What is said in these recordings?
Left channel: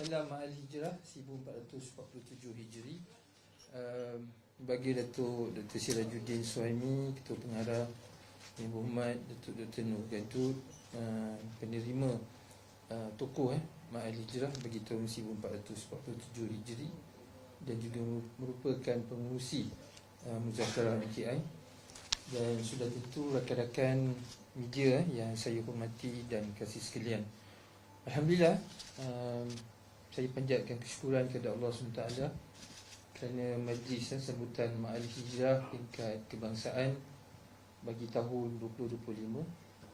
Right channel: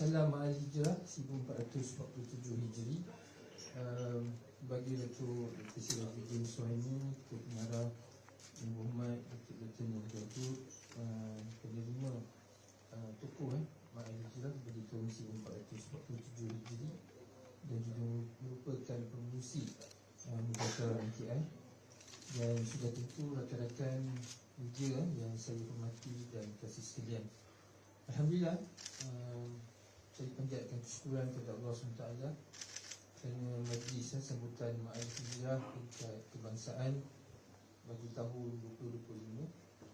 Salam Al-Hijrah 1447 Hijri uh, Bagi Datuk Dr. Sirajuddin Suhaimi Ketua Pengarah Yang Berhormat Datuk Dr. Nur Gadud uh, Penerima uh, tokoh eh, Mak Al-Hijrah bagi tahun 1447 Hijri Dan juga merupakan pengurusi uh, Muzakarah MKI Dan sudah tentu rakan-rakan media eh, yang saya hormati dan kasih sekalian Alhamdulillah um, saya panjatkan kesyukuran kepada Allah SWT kerana majlis eh, sambutan Ma'al Hijrah tingkat kebangsaan bagi tahun 2025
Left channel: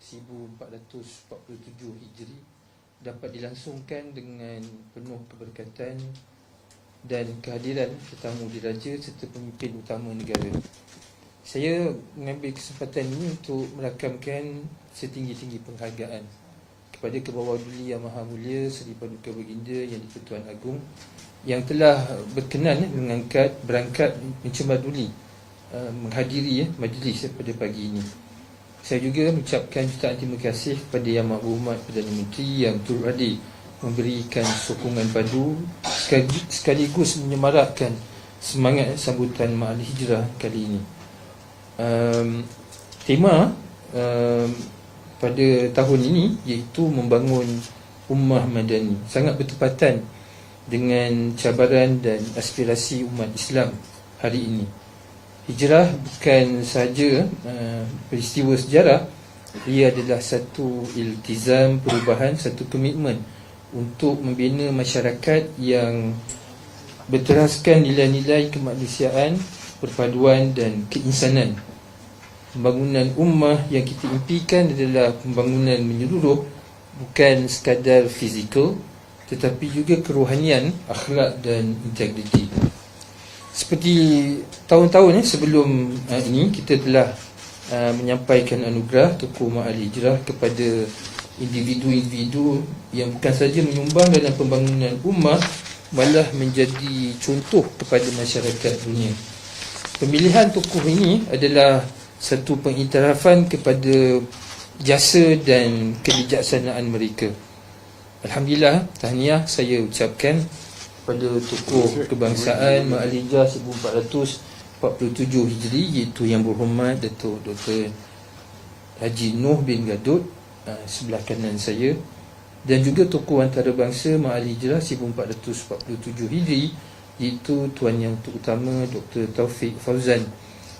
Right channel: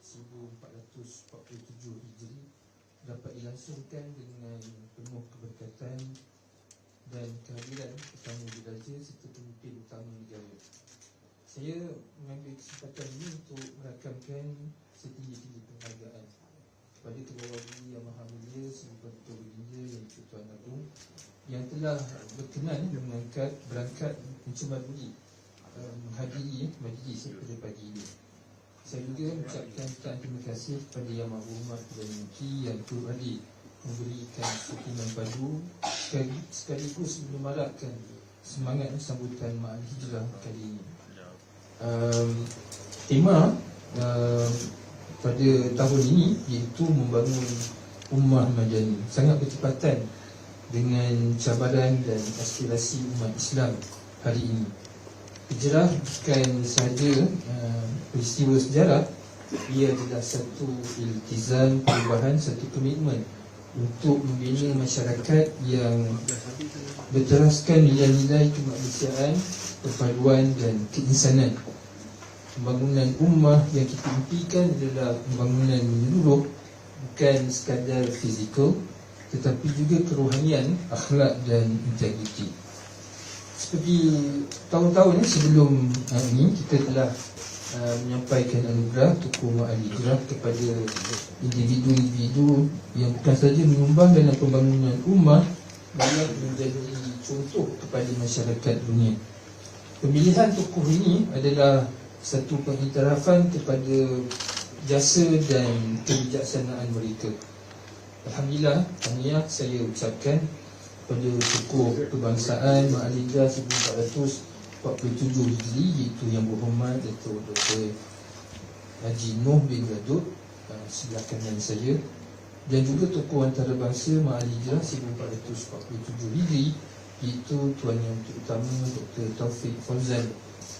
1447 Hijri dapat dilangsungkan dengan penuh keberkatan dan kehadiran tetamu diraja serta pemimpin utama negara. Saya mengambil kesempatan ini untuk merakamkan setinggi-tinggi penghargaan kepada Kebawah Duli Yang Maha Mulia Seri Paduka Baginda Yang di-Pertuan Agong yang telah berkenan eh, mengangkat berangkat mencemar duli uh, menghadiri eh, majlis eh, pada pagi ini. Saya juga mengucapkan jutaan terima kasih kepada Yang Maha Perdana Menteri yang turut hadir memberikan sokongan padu sekaligus menyemarakkan semangat eh, sambutan Ma'al Hijrah kali ini. Um, tema um, pada tahun ini iaitu membangun ummah madani sangat bertepatan dengan cabaran dan aspirasi umat Islam hari ini. Hijrah bukan sahaja uh, peristiwa sejarah ia adalah satu iltizam perubahan satu komitmen untuk membina masyarakat yang berteraskan nilai-nilai kemanusiaan, perpaduan dan keinsanan pembangunan ummah yang kita impikan adalah pembangunan menyeluruh bukan sekadar fizikal tetapi juga kerohanian, akhlak dan integriti. Seperti tahun-tahun eh, sebelum uh, ini kita telah uh, menyampaikan anugerah Tuku Ma'al Hijrah kepada individu-individu yang bukan saja menyumbang dalam pembangunan ummah malah menjadi contoh kepada masyarakat dunia. Pemilihan tokoh ini adalah satu pengiktirafan kepada jasa dan kebijaksanaan mereka. Alhamdulillah, tahniah saya ucapkan pada tokoh kebangsaan Ma'alijah 1447 Hijri iaitu yang berhormat Datuk Dr. Haji Noh bin Gadut ah, sebelah kanan saya dan juga tokoh antarabangsa Ma'alijah 1447 Hijri iaitu Tuan Yang Terutama Dr. Taufik Fauzan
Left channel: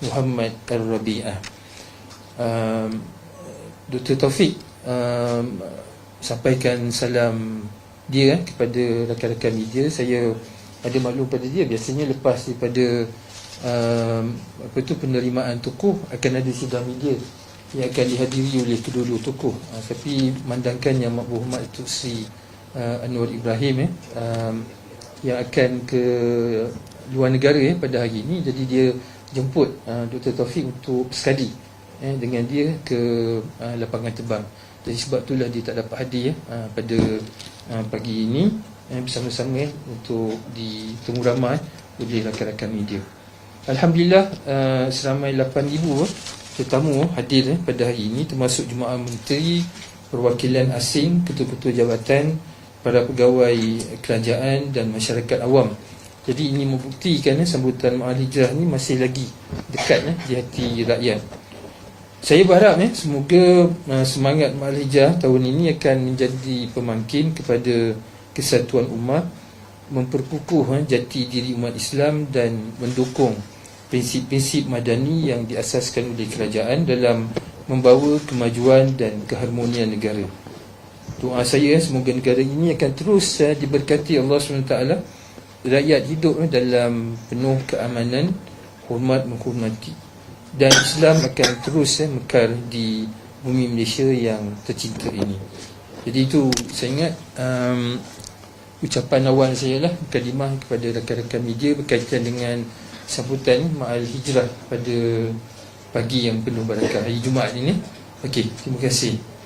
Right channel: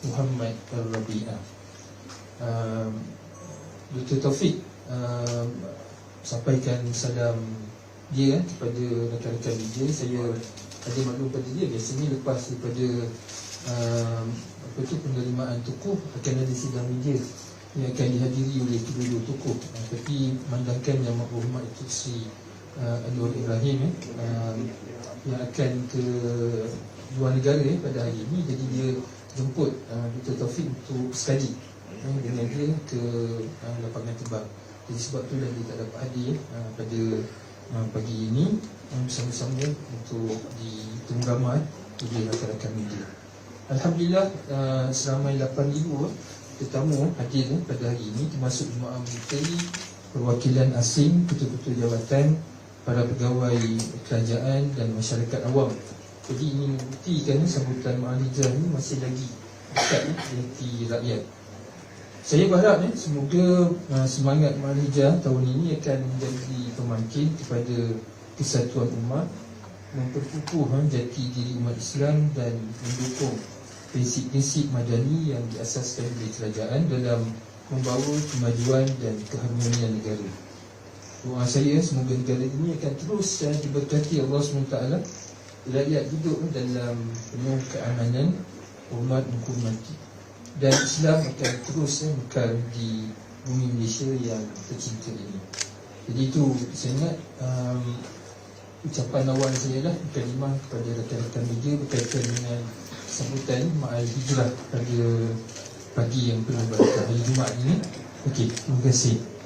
Muhammad Al-Rabi'ah um, Dr. Taufik um, Sampaikan salam dia eh, kepada rakan-rakan media. Saya ada maklum pada dia. Biasanya lepas daripada um, Apa tu penerimaan tokoh Akan ada sidang media Yang akan dihadiri oleh kedua-dua tokoh. Uh, Tapi mandangkan yang makbuh hormat itu Sri uh, Anwar Ibrahim eh, um, Yang akan ke luar negara eh, pada hari ini. Jadi dia jemput uh, Dr. Taufik untuk sekali eh, dengan dia ke uh, lapangan terbang. Jadi sebab itulah dia tak dapat hadir uh, pada uh, pagi ini eh, bersama-sama eh, untuk ditemu ramai oleh rakan-rakan media. Alhamdulillah uh, seramai 8,000 eh, tetamu hadir eh, pada hari ini termasuk jemaah menteri, perwakilan asing, ketua-ketua jawatan, para pegawai kerajaan dan masyarakat awam jadi ini membuktikan eh, sambutan Ma'al Hijrah ni masih lagi dekat eh, di hati rakyat. Saya berharap eh, semoga uh, semangat Ma'al Hijrah tahun ini akan menjadi pemangkin kepada kesatuan umat, memperkukuh eh, jati diri umat Islam dan mendukung prinsip-prinsip madani yang diasaskan oleh kerajaan dalam membawa kemajuan dan keharmonian negara. Doa saya semoga negara ini akan terus uh, diberkati Allah SWT rakyat hidup dalam penuh keamanan, hormat menghormati dan Islam akan terus eh, mekar di bumi Malaysia yang tercinta ini. Jadi itu saya ingat um, ucapan awal saya lah kalimah kepada rakan-rakan media berkaitan dengan sambutan Ma'al Hijrah pada pagi yang penuh barakah hari Jumaat ini. Okey, terima kasih.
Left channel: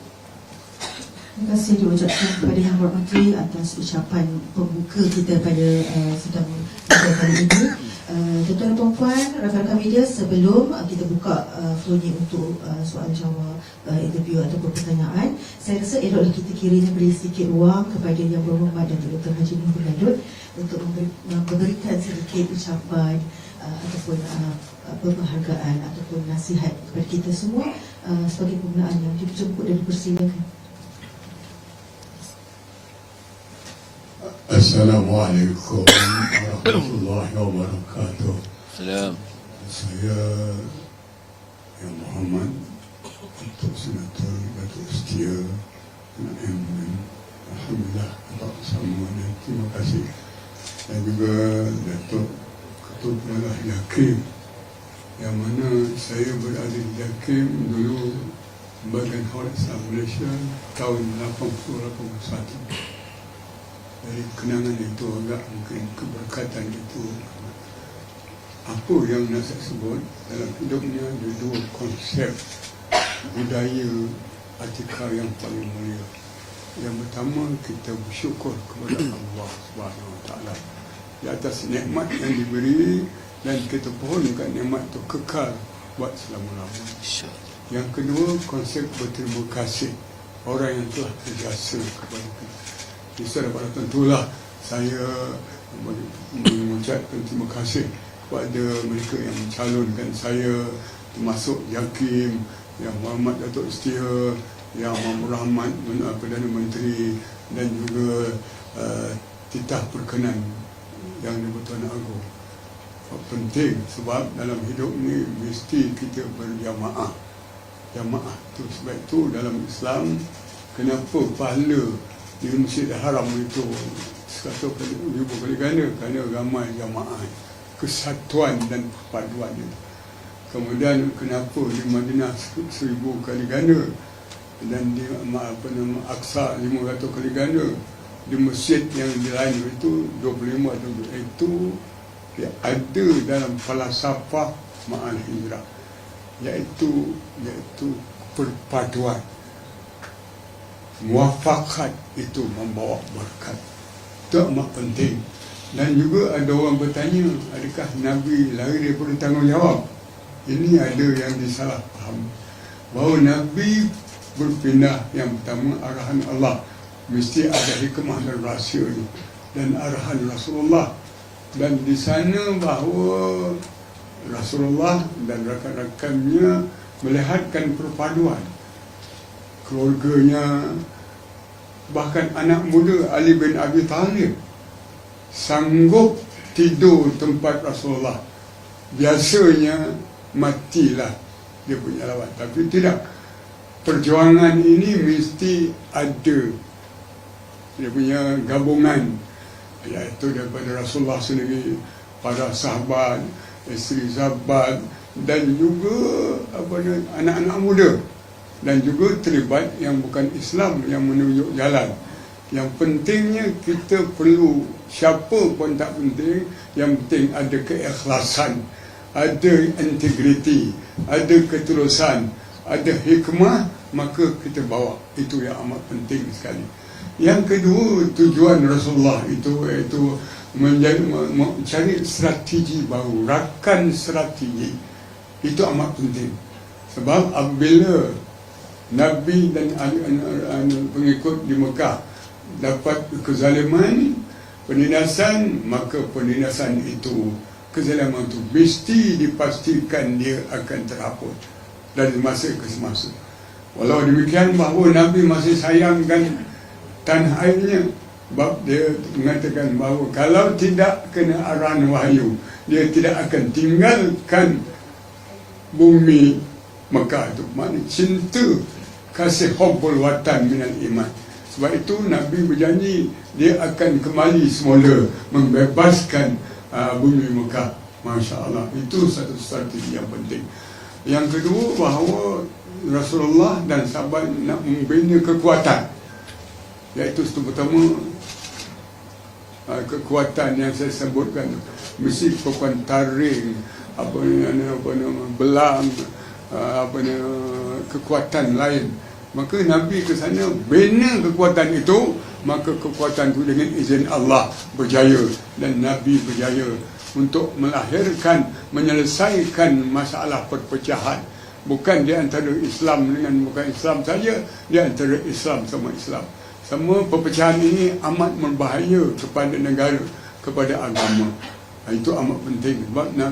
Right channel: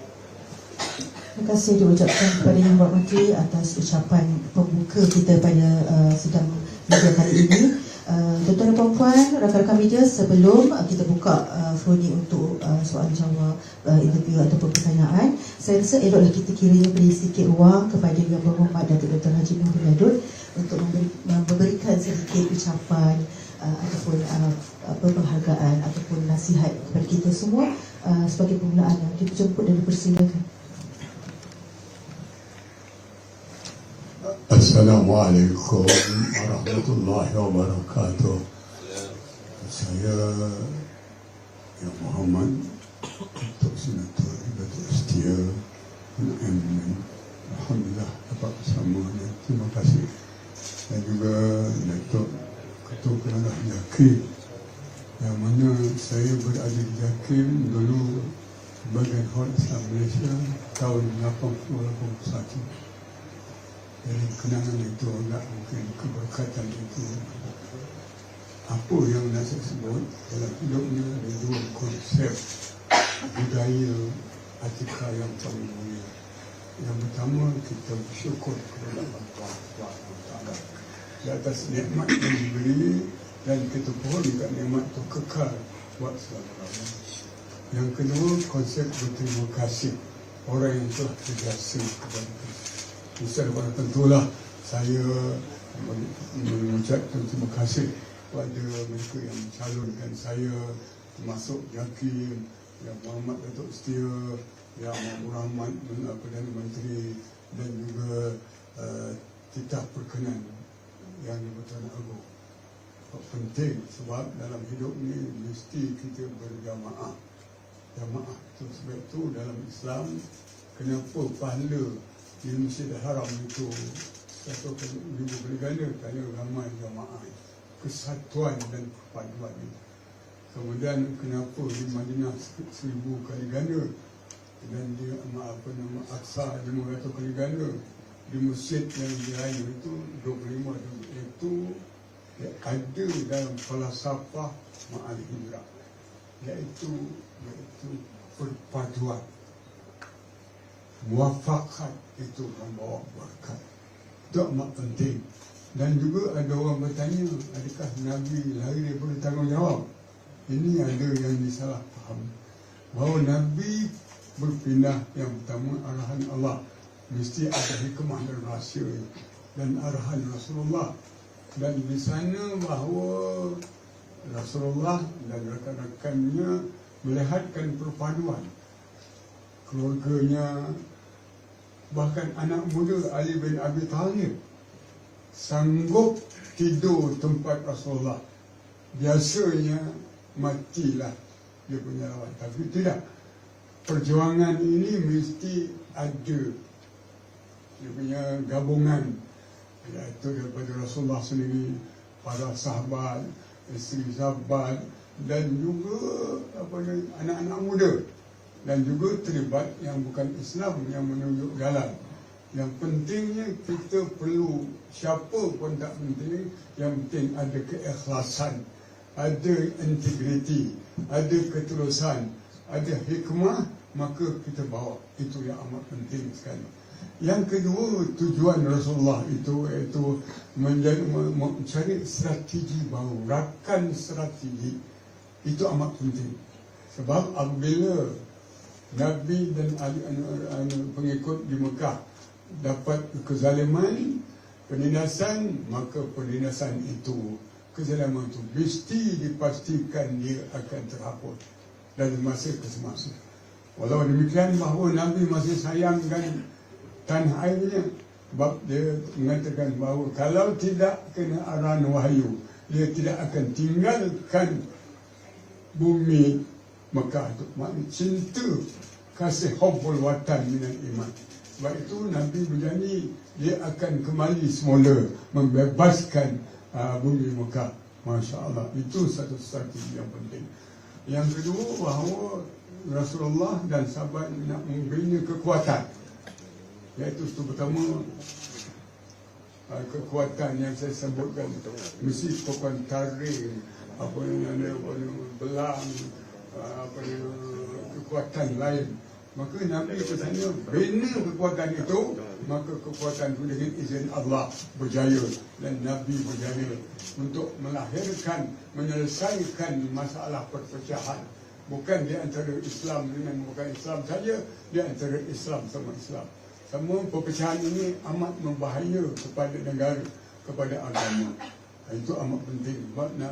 Terima kasih diucapkan kepada Yang Berhormati atas ucapan pembuka kita pada uh, sidang media kali ini. Uh, tuan-tuan dan puan-puan, rakan-rakan media sebelum uh, kita buka uh, floor ni untuk uh, soal jawab, uh, interview ataupun pertanyaan, saya rasa eloklah kita kiranya beri sedikit ruang kepada Yang Berhormat Datuk Dr. Haji Muhammad Nadut untuk memberi, memberikan sedikit ucapan uh, ataupun uh, penghargaan ataupun nasihat kepada kita semua uh, sebagai permulaan yang dijemput dan dipersilakan. Assalamualaikum warahmatullahi wabarakatuh. Salam. Saya Yang Muhammad Datuk Senator Datuk Setia MN Alhamdulillah dapat bersama dan terima kasih dan juga Datuk Ketua Pengarah Yakim yang mana saya berada di Yakim dulu Bagian Horat Islam Malaysia tahun 80-81 kenangan itu agak mungkin keberkatan itu. Apa yang saya sebut dalam hidupnya ada dua konsep budaya atika yang paling mulia. Yang pertama kita bersyukur kepada Allah Subhanahu Taala. Di atas nikmat yang diberi dan kita pohonkan nikmat itu kekal buat selama-lamanya yang kedua konsep berterima kasih. Orang yang telah terjasa kepada kita bisa pada tentulah saya mengucapkan terima kasih kepada mereka yang mencalonkan saya termasuk Yakim, yang Muhammad Datuk Setia, yang Muhammad Rahmat Perdana Menteri dan juga uh, titah perkenan yang di-Pertuan Agong. Penting sebab dalam hidup ni mesti kita berjamaah. Jamaah tu sebab itu dalam Islam kenapa pahala di Masjidil Haram itu satu ganda kerana ramai jamaah kesatuan dan perpaduan itu. Kemudian kenapa di Madinah seribu kali ganda dan di apa nama Aqsa lima ratus kali ganda di masjid yang di lain itu 25 itu ya, ada dalam falsafah ma'al hijrah iaitu iaitu perpaduan muafakat itu membawa berkat. Itu amat penting. Dan juga ada orang bertanya adakah Nabi lari daripada tanggungjawab? Ini ada yang disalah faham bahawa Nabi berpindah yang pertama arahan Allah. Mesti ada hikmah dan rahsia dan arahan Rasulullah. Dan di sana bahawa Rasulullah dan rakan-rakannya melihatkan perpaduan keluarganya bahkan anak muda Ali bin Abi Talib sanggup tidur tempat Rasulullah. Biasanya matilah dia punya lawan tapi tidak. Perjuangan ini mesti ada dia punya gabungan iaitu daripada Rasulullah sendiri para sahabat isteri sahabat dan juga apa anak-anak muda dan juga terlibat yang bukan Islam yang menunjuk jalan. Yang pentingnya kita perlu siapa pun tak penting, yang penting ada keikhlasan, ada integriti, ada ketulusan, ada hikmah, maka kita bawa. Itu yang amat penting sekali. Yang kedua, tujuan Rasulullah itu iaitu mencari strategi baru, rakan strategi. Itu amat penting. Sebab apabila Nabi dan pengikut di Mekah dapat kezaliman, penindasan, maka penindasan itu, kezaliman itu mesti dipastikan dia akan terhapus dari masa ke semasa. Walau demikian bahawa Nabi masih sayangkan tanah airnya sebab dia mengatakan bahawa kalau tidak kena arahan wahyu dia tidak akan tinggalkan bumi Mekah itu maknanya cinta kasih hubbul watan minal iman. Sebab itu Nabi berjanji dia akan kembali semula membebaskan uh, bumi Mekah. Masya Allah. Itu satu strategi yang penting. Yang kedua bahawa Rasulullah dan sahabat nak membina kekuatan. Iaitu itu pertama uh, kekuatan yang saya sebutkan mesti kekuatan taring apa nama apa nama belang apa nama kekuatan lain. Maka Nabi ke sana bina kekuatan itu maka kekuatan itu dengan izin Allah berjaya. Dan Nabi berjaya untuk melahirkan menyelesaikan masalah perpecahan. Bukan di antara Islam dengan bukan Islam saja di antara Islam sama Islam. Semua perpecahan ini amat berbahaya kepada negara kepada agama. Itu amat penting.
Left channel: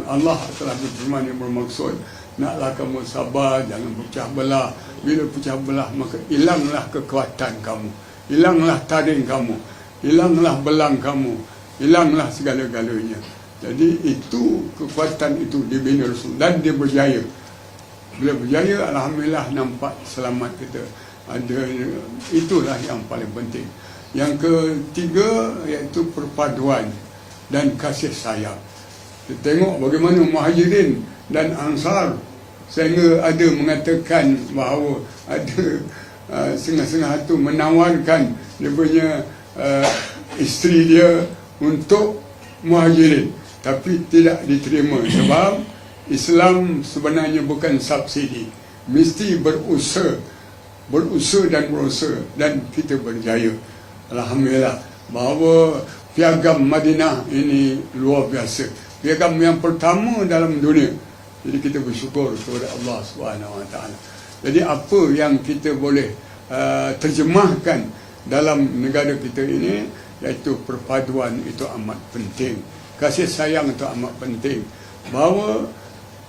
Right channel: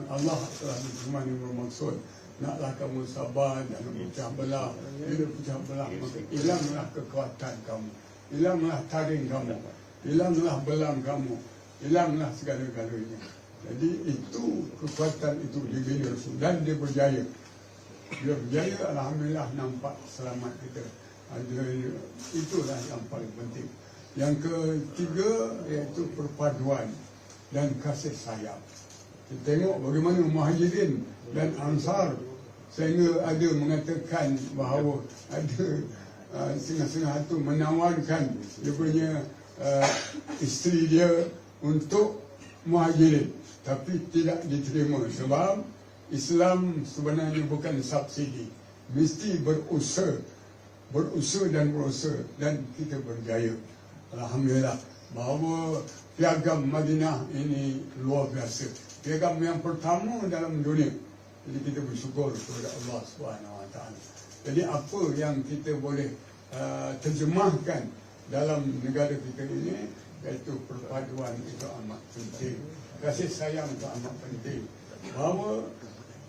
Allah telah berfirman yang bermaksud naklah kamu sabar jangan pecah belah. Bila pecah belah maka hilanglah kekuatan kamu. Hilanglah taring kamu. Hilanglah belang kamu. Hilanglah segala-galanya. Jadi itu kekuatan itu dibina Rasul dan dia berjaya. Bila berjaya Alhamdulillah nampak selamat kita. Ada itulah yang paling penting. Yang ketiga iaitu perpaduan dan kasih sayang. Kita tengok bagaimana muhajirin dan ansar sehingga ada mengatakan bahawa ada uh, setengah-setengah itu menawarkan dia punya uh, isteri dia untuk muhajirin. Tapi tidak diterima sebab Islam sebenarnya bukan subsidi. Mesti berusaha berusaha dan berusaha dan kita berjaya. Alhamdulillah. Bahawa piagam Madinah ini luar biasa. Piagam yang pertama dalam dunia jadi kita bersyukur kepada Allah Subhanahu Wa Taala jadi apa yang kita boleh uh, terjemahkan dalam negara kita ini iaitu perpaduan itu amat penting kasih sayang itu amat penting bahawa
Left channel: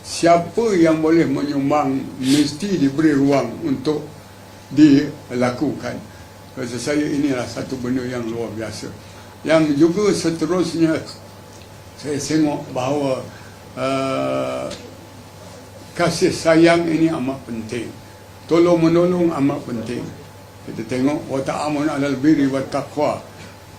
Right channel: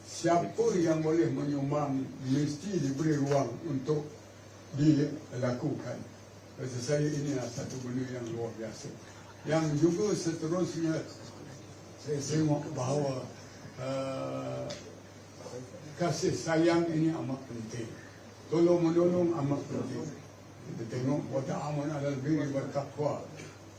siapa yang boleh menyumbang mesti diberi ruang untuk dilakukan. Rasa saya inilah satu benda yang luar biasa. Yang juga seterusnya saya tengok bahawa uh, kasih sayang ini amat penting. Tolong menolong amat penting. Kita tengok wa ta'amun 'alal birri wat taqwa.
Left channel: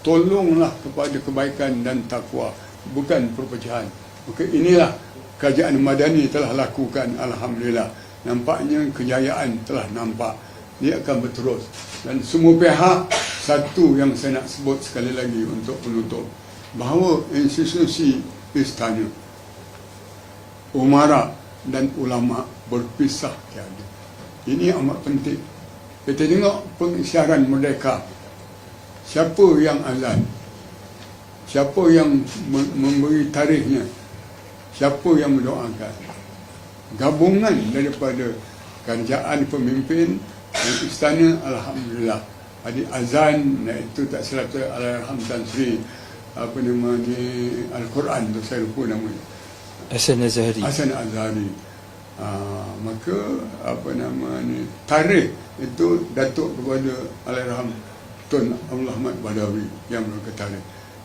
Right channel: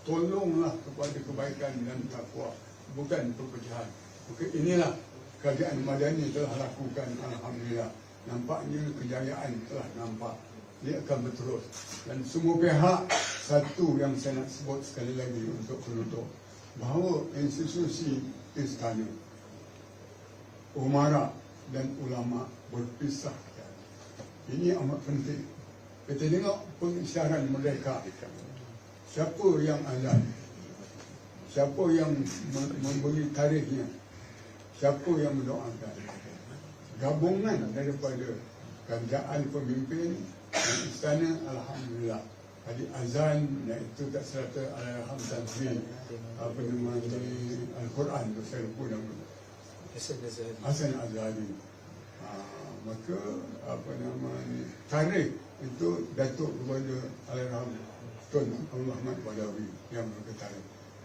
Tolonglah kepada kebaikan dan takwa, bukan perpecahan. Maka inilah kerajaan Madani telah lakukan alhamdulillah. Nampaknya kejayaan telah nampak dia akan berterus dan semua pihak satu yang saya nak sebut sekali lagi untuk penutup bahawa institusi istana umara dan ulama berpisah tiada. Ini amat penting. Kita tengok pengisyarahan merdeka siapa yang azan? Siapa yang memberi tarikhnya siapa yang mendoakan? Gabungan daripada kerajaan pemimpin istana alhamdulillah. Adik azan iaitu tak silap alhamdulillah apa nama ni al-Quran tu saya lupa namanya Hasan Azhari. Hasan Azhari. Uh, maka apa nama ni tarikh itu datuk kepada Allahyarham Tun Abdul Ahmad Badawi yang berkata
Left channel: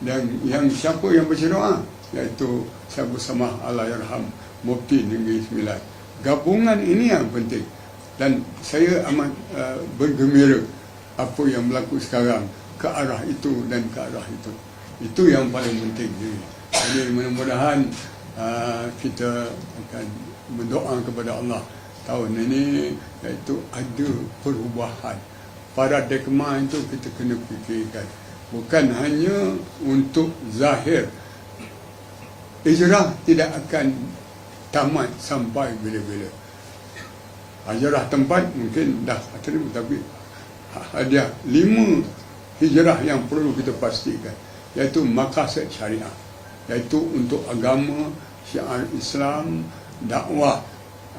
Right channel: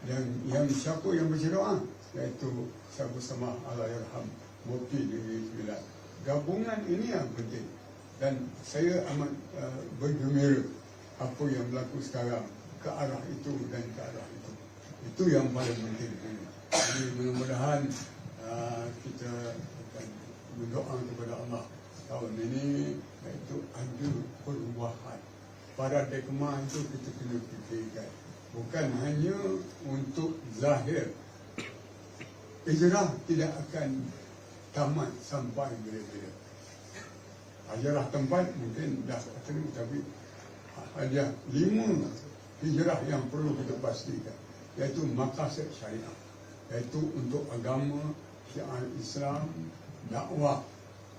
dan yang siapa yang baca doa iaitu Sabu Samah Allahyarham Mufti Negeri Sembilan. Gabungan ini yang penting. Dan saya amat uh, bergembira apa yang berlaku sekarang ke arah itu dan ke arah itu. Itu yang paling penting. Jadi mudah-mudahan uh, kita akan berdoa kepada Allah. Tahun ini iaitu ada perubahan. Paradigma itu kita kena fikirkan. Bukan hanya untuk zahir. Hijrah tidak akan tamat sampai bila-bila. Hijrah tempat mungkin dah terima tapi ada lima hijrah yang perlu kita pastikan iaitu maqasid syariah iaitu untuk agama syiar Islam dakwah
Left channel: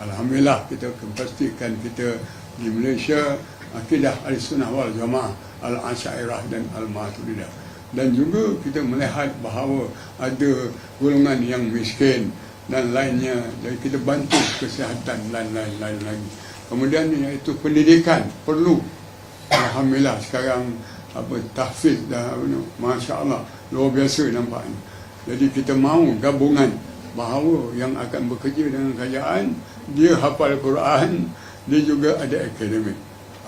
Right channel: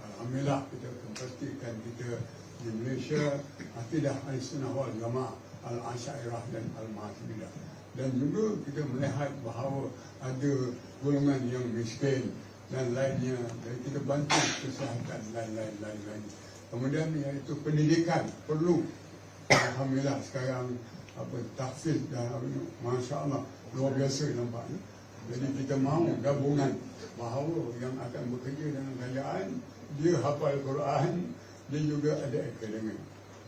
alhamdulillah kita pastikan kita di Malaysia akidah al-sunnah wal jamaah al-asyairah dan al-maturidah dan juga kita melihat bahawa ada golongan yang miskin dan lainnya dan kita bantu kesihatan dan lain-lain lagi. Kemudian iaitu pendidikan perlu. Alhamdulillah sekarang apa tahfiz dah masya-Allah luar biasa nampaknya. Jadi kita mahu gabungan bahawa yang akan bekerja dengan kerajaan dia hafal Quran, dia juga ada akademik.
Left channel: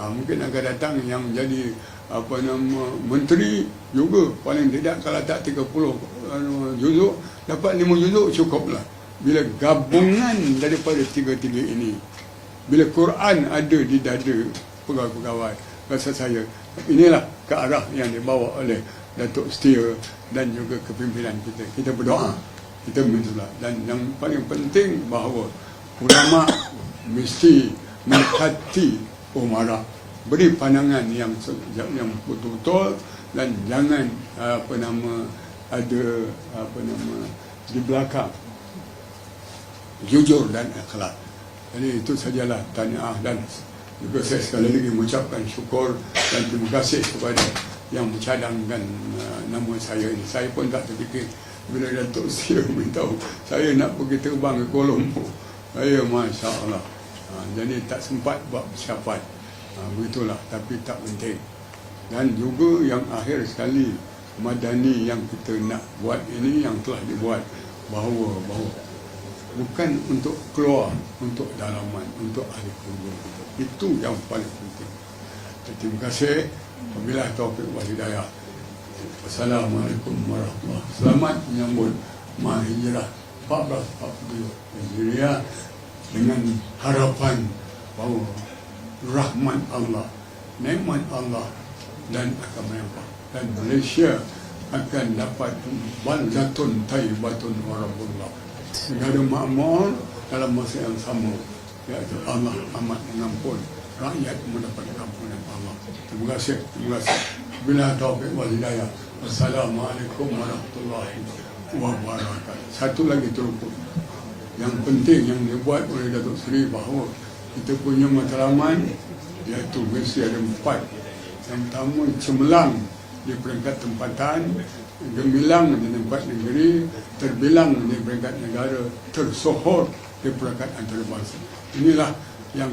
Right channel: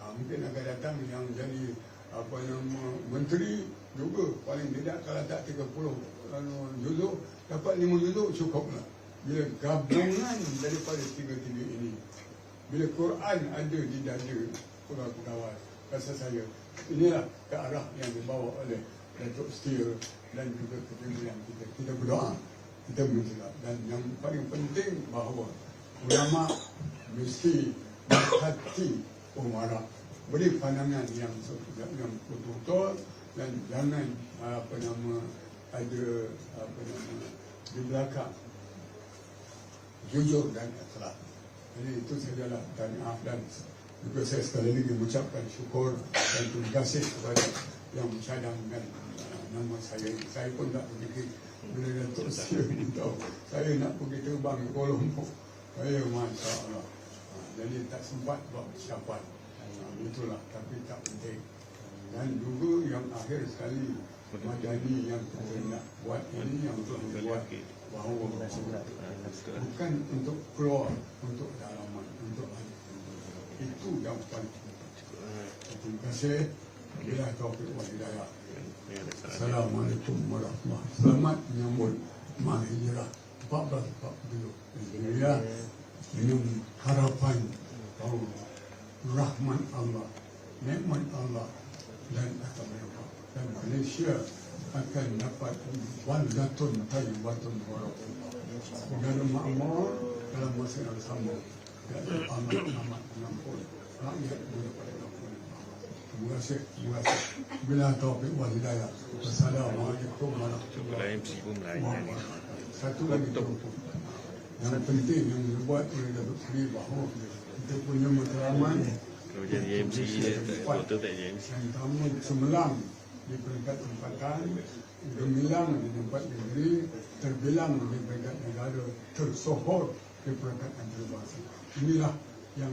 Ha, mungkin akan datang yang jadi apa nama menteri juga. Paling tidak kalau tak 30 anu, juzuk dapat 5 juzuk cukuplah. Bila gabungan daripada tiga-tiga ini bila Quran ada di dada pegawai-pegawai rasa saya inilah ke arah yang dibawa oleh Datuk Setia dan juga kepimpinan kita. Kita berdoa kita minta dan yang paling penting bahawa ulama mesti menghati umara beri pandangan yang yang betul-betul dan jangan apa nama ada apa nama di belakang jujur dan ikhlas. Jadi itu sajalah tanya dan juga saya sekali lagi mengucapkan syukur dan terima kasih kepada yang mencadangkan uh, nama saya ini. Saya pun tak terfikir bila Datuk Seri beritahu saya nak pergi terbang ke Kuala Lumpur. Saya Masya Allah. Uh, jadi tak sempat buat persiapan. Uh, begitulah tapi tak penting. Dan juga yang akhir sekali madani yang kita nak buat ini yang telah dibuat bahawa bahawa bukan untuk keluar untuk dalaman untuk ahli kita itu yang paling penting terima kasih wabillahi taufiq wal hidayah Assalamualaikum warahmatullahi selamat menyambut mahijrah 1442 Nigeria dengan harapan bahawa rahmat Allah nikmat Allah dan akan menyampai dan Malaysia akan dapat baldatun tayyibatun warahmatullah. Negara makmur dalam masa yang sama iaitu Allah amat mengampun rakyat mendapat ampunan Allah. Terima kasih terima kasih. Bila taufik wal hidayah. Wassalamualaikum warahmatullahi wabarakatuh. Satu lagi teruput yang penting yang dibuat oleh Datuk Seri bahawa kita punya matlamat iaitu mesti ada empat. Yang pertama cemerlang di peringkat tempatan gemilang di tempat negeri terbilang di peringkat negara tersohor di peringkat antarabangsa. Inilah yang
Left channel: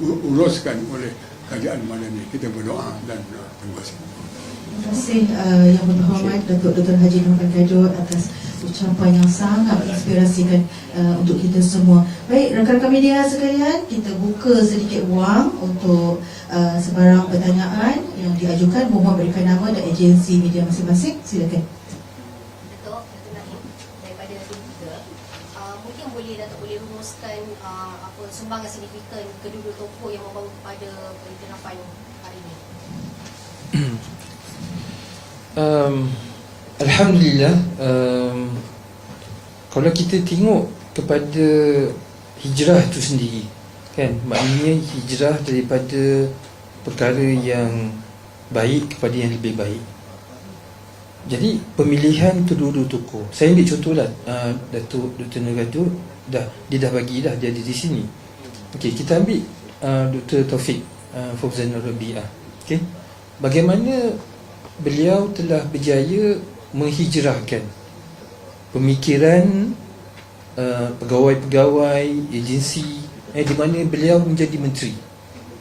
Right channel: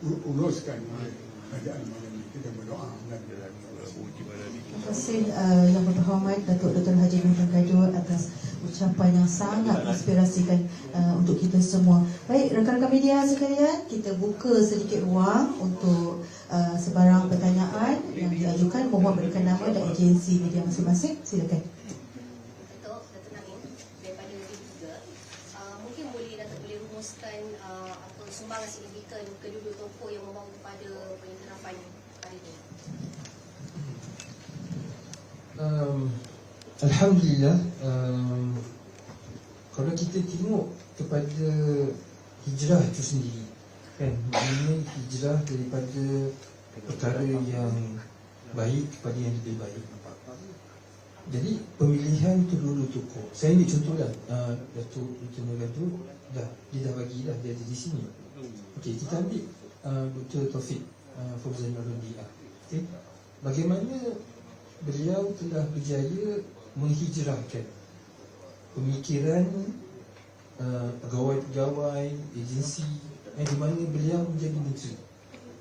diuruskan uh, uh, oleh kerajaan madani kita berdoa dan uh, terima kasih Terima kasih uh, yang berhormat Datuk Dr. Haji Muhammad Kajot atas ucapan yang sangat menginspirasikan uh, untuk kita semua. Baik, rakan-rakan media sekalian, kita buka sedikit ruang untuk uh, sebarang pertanyaan yang diajukan. Mohon berikan nama dan agensi media masing-masing. Silakan. Datuk, Datuk Naim daripada TV3 uh, mungkin boleh Datuk boleh rumuskan uh, apa sumbangan signifikan kedua-dua tokoh yang membawa kepada pengiktirafan hari ini. um, Alhamdulillah um, Kalau kita tengok kepada hijrah itu sendiri kan Maknanya hijrah daripada perkara yang baik kepada yang lebih baik Jadi pemilihan kedua-dua tokoh Saya ambil contohlah uh, Datuk Dr. Neratu dah, Dia dah bagi dah dia ada di sini Okey, kita ambil uh, Dr. Taufik uh, Fauzan Rabi'ah Okey Bagaimana beliau telah berjaya menghijrahkan pemikiran uh, pegawai-pegawai agensi eh, di mana beliau menjadi menteri.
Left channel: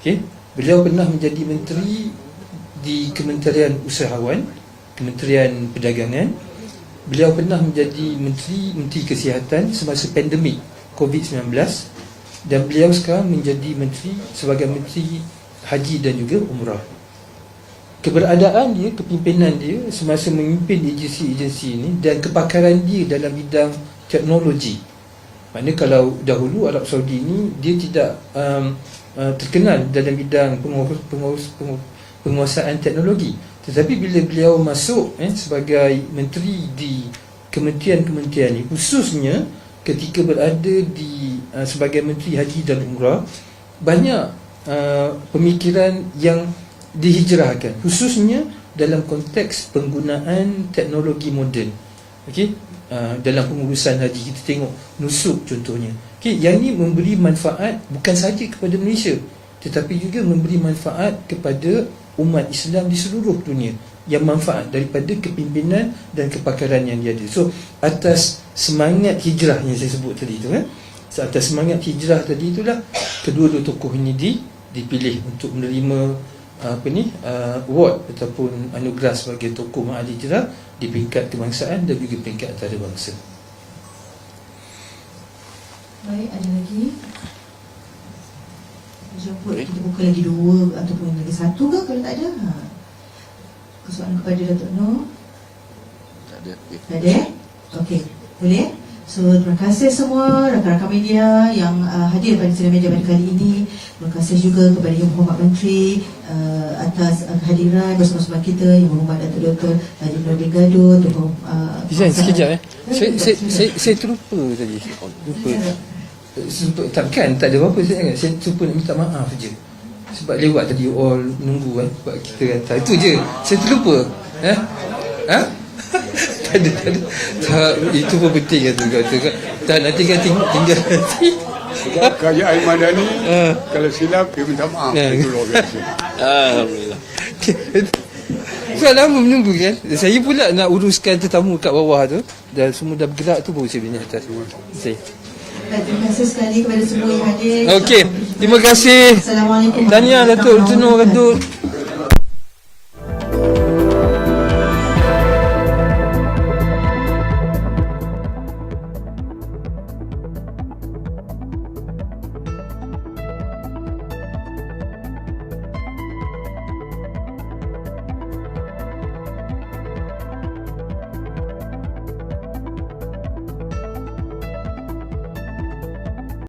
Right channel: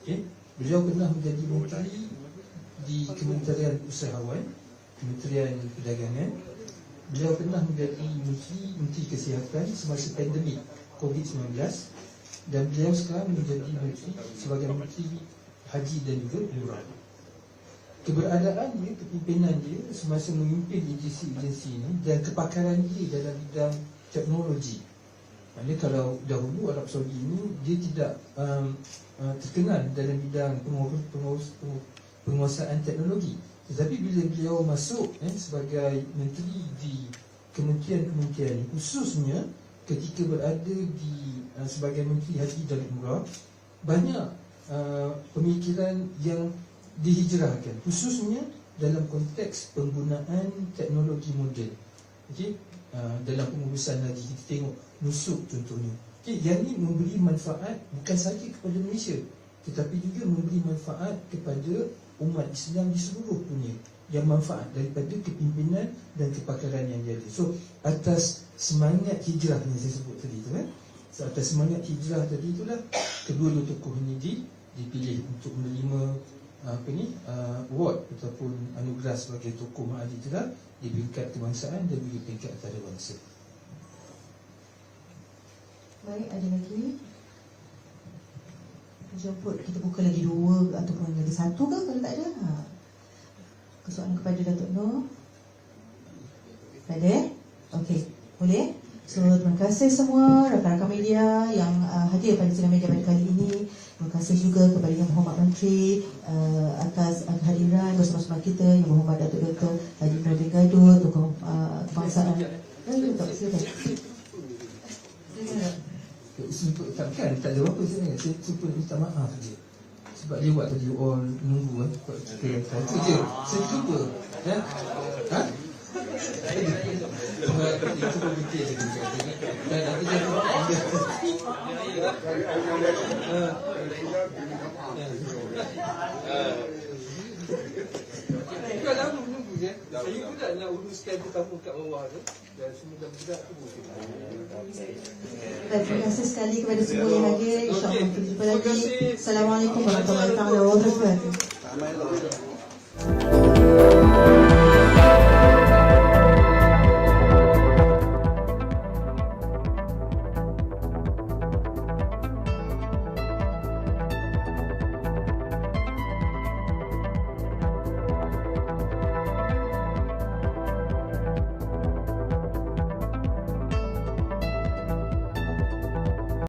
Okay? Beliau pernah menjadi menteri di Kementerian Usahawan, Kementerian Perdagangan. Beliau pernah menjadi menteri menteri kesihatan semasa pandemik COVID-19 dan beliau sekarang menjadi menteri sebagai menteri haji dan juga umrah keberadaan dia, kepimpinan dia semasa memimpin agensi-agensi ini dan kepakaran dia dalam bidang teknologi. Maknanya kalau dahulu Arab Saudi ini dia tidak um, uh, terkenal dalam bidang pengurus, pengurus, pengurus, penguasaan teknologi. Tetapi bila beliau masuk eh, sebagai menteri di kementerian-kementerian ini, khususnya ketika berada di uh, sebagai menteri haji dan umrah, banyak uh, pemikiran yang dihijrahkan khususnya dalam konteks penggunaan teknologi moden. Okey? Uh, dalam pengurusan haji kita tengok nusuk contohnya. Okey? Yang ini memberi manfaat bukan sahaja kepada Malaysia tetapi juga memberi manfaat kepada umat Islam di seluruh dunia yang manfaat daripada kepimpinan dan kepakaran yang dia ada so atas semangat hijrah yang saya sebut tadi tu kan atas semangat hijrah tadi itulah kedua-dua tokoh ini di, dipilih untuk menerima apa ni uh, award ataupun anugerah sebagai tokoh mahali hijrah di peringkat kebangsaan dan juga peringkat antarabangsa. Baik, ada lagi? Jemput kita buka lagi dua ataupun lagi satu ke kalau tak ada? Ha. Persoalan kepada Datuk Nur? Tak ada. Tak ada? Okey, boleh? So, terima kasih semua rakan-rakan media yang uh, hadir pada sidang media pada kali ini. Terima kasih juga kepada Yang Berhormat Menteri uh, atas uh, kehadiran bersama-sama kita Yang Berhormat Datuk Dr. Haji Nabil Gaduh, Tuan uh, Paksa- sekejap eh. Ya, Saya, ya, saya, silakan. saya, saya terlupa tadi. Lupa. Sebab, takkan, tak ada apa-apa saya ingat. Saya terlupa nak minta maaf je. Sebab lewat tadi all menunggu kan. Sebab kita kata. Itu je. Saya terlupa. Eh? Ha? tak ada, tak ada. Tak, itu pun penting tu kata kan. Tak nanti kan ting- tinggal nanti. Sebab kerajaan Madani Ah. kalau silap dia minta maaf. Biasa. Alhamdulillah. So lama menunggu kan Saya pula nak uruskan tetamu kat bawah tu Dan semua dah bergerak tu baru saya naik atas Saya Baik, terima kasih sekali kepada semua yang hadir. Okey, terima kasih. Assalamualaikum. Tahniah Datuk Tunur wabarakatuh. Datuk